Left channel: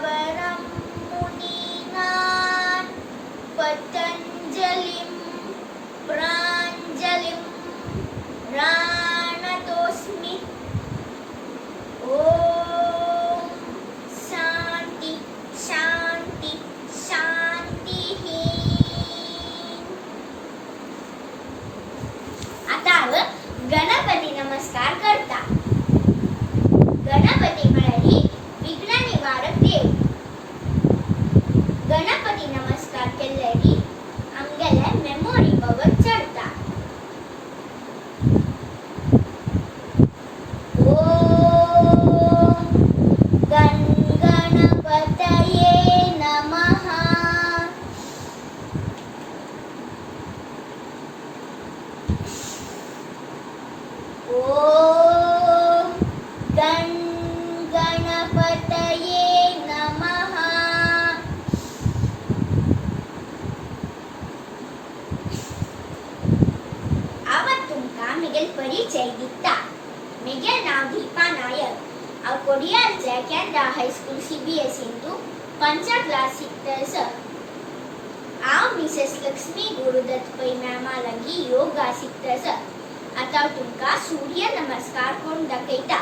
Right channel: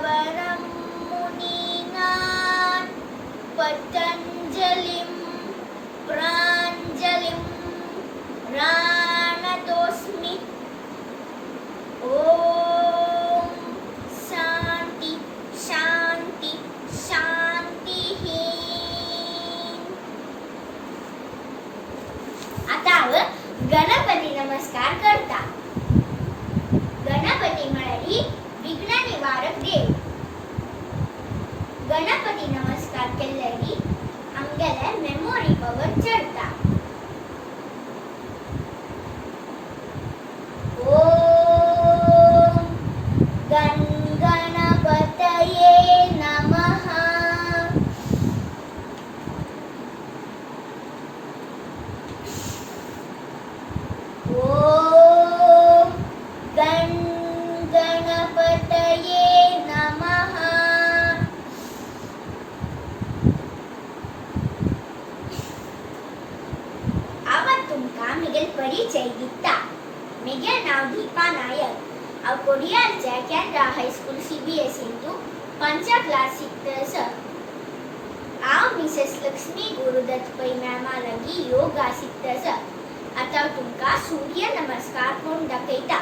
प्रवरं मुनीनां पतञ्जलिं प्राञ्जलिं प्रणतोऽस्मि। ॐ शान्ति शान्ति शान्तिः। आता गणपती नमस्कार करता। गणपती म्हळ्यार विघ्न निवारक देव। गणपती नमस्कार केल्यारी आमगेले मेमोरी पावर चढता। ओम गणपतये नमः। ओम गणपतये नमः। आवत तुमका मिगेल परिचय दिता। मिगेल नाव दीपा नायक। हांव कोडयारच्या कॅनरा हायस्कूल CBSE इंतू 5 क्लास शिकतस। हांव मिसेस लक्ष्मी गुरुदत्त पै मॅमा लागी योगा शिकतस। आता तुमका सूर्य नमस्कार कोण दाखयता।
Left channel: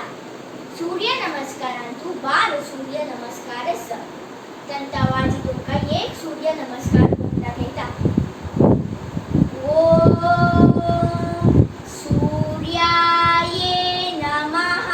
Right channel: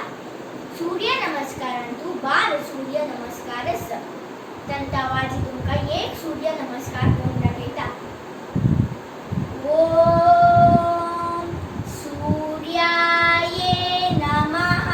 सूर्य नमस्कारांतू 12 सूर्य नमस्कार आसता। तंता वाजी तुमका एक सूर्य नमस्कार कोण दाखयता। ओम सूर्याय नमः।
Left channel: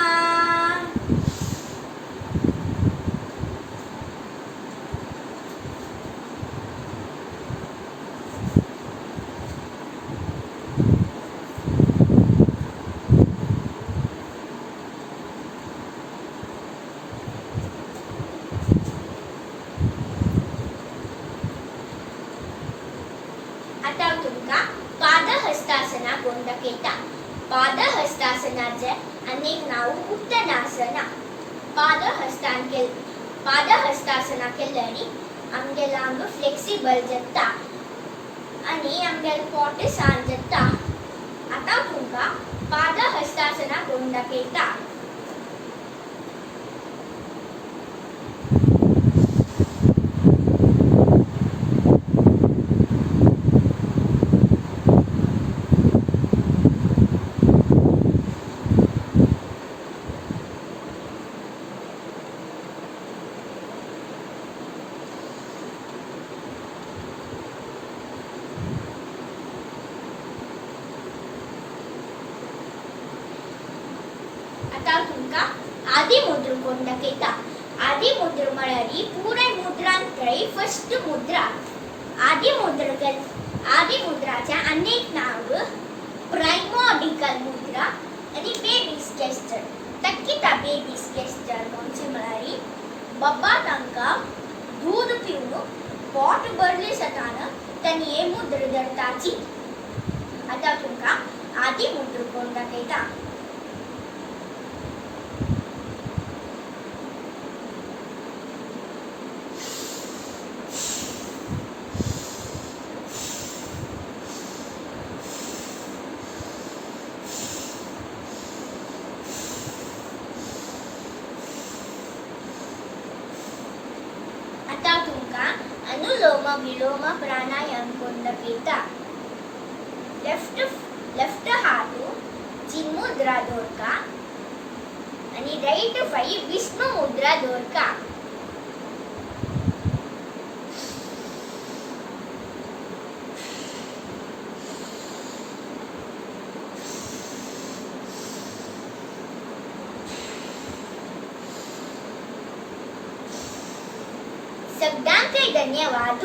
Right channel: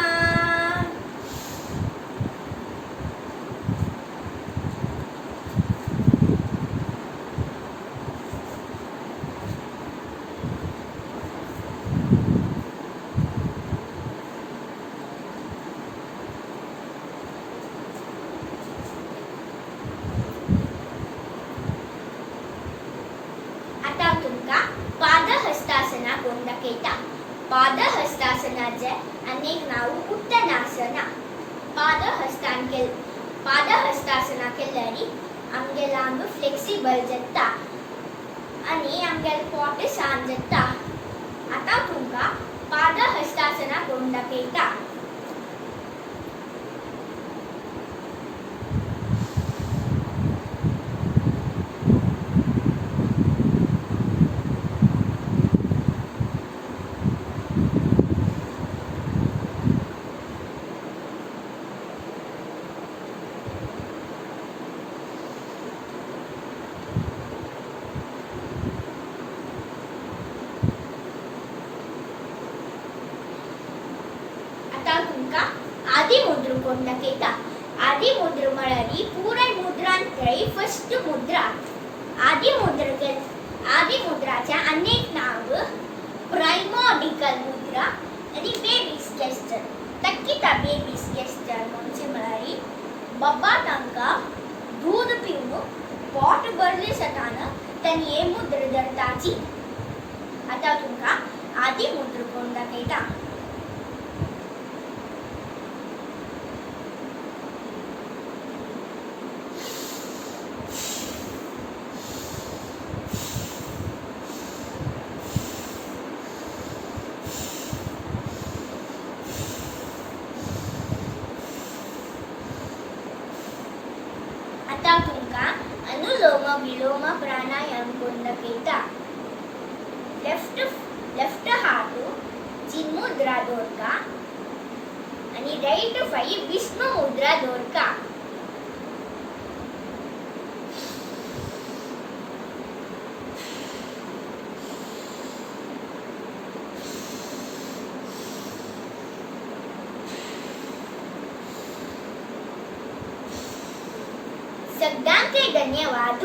आता तुमका पादहस्तासना कोण दाखयता। पादहस्तासनाचे अनेक नाव उत्तनासना। पादहस्तासना केल्यारी आमगे लांब फ्लेक्सिबल जाता आणि आमगे पोट सान जाता। आता तुमका पादहस्तासना कोण दाखयता। आता तुमका आदिमुद्र कोण दाखयता। आदिमुद्र म्हळ्यार पुराय मुद्रांतली फर्स्ट मुद्रा। आदिमुद्राच्या अनेक नाव प्राइमोर्डिकल मुद्रा आणि बेबीज गेस्चर। तक्किता बेबीज गेस्चर म्हणजे म्हळ्यार बाबा तांका दूध पिवन पोट भरले सताना त्यांनी हे मुद्र धरताची। आता तुमका आदिमुद्र कोण दाखयता। आता तुमका अनुलोम विलोम प्राणायाम कोण दाखयता। लेफ्ट हात चिन्मुद्रा दवरका आणि राइट फाई विष्णु मुद्रा दवरका। सगळ्यांक धन्यवाद।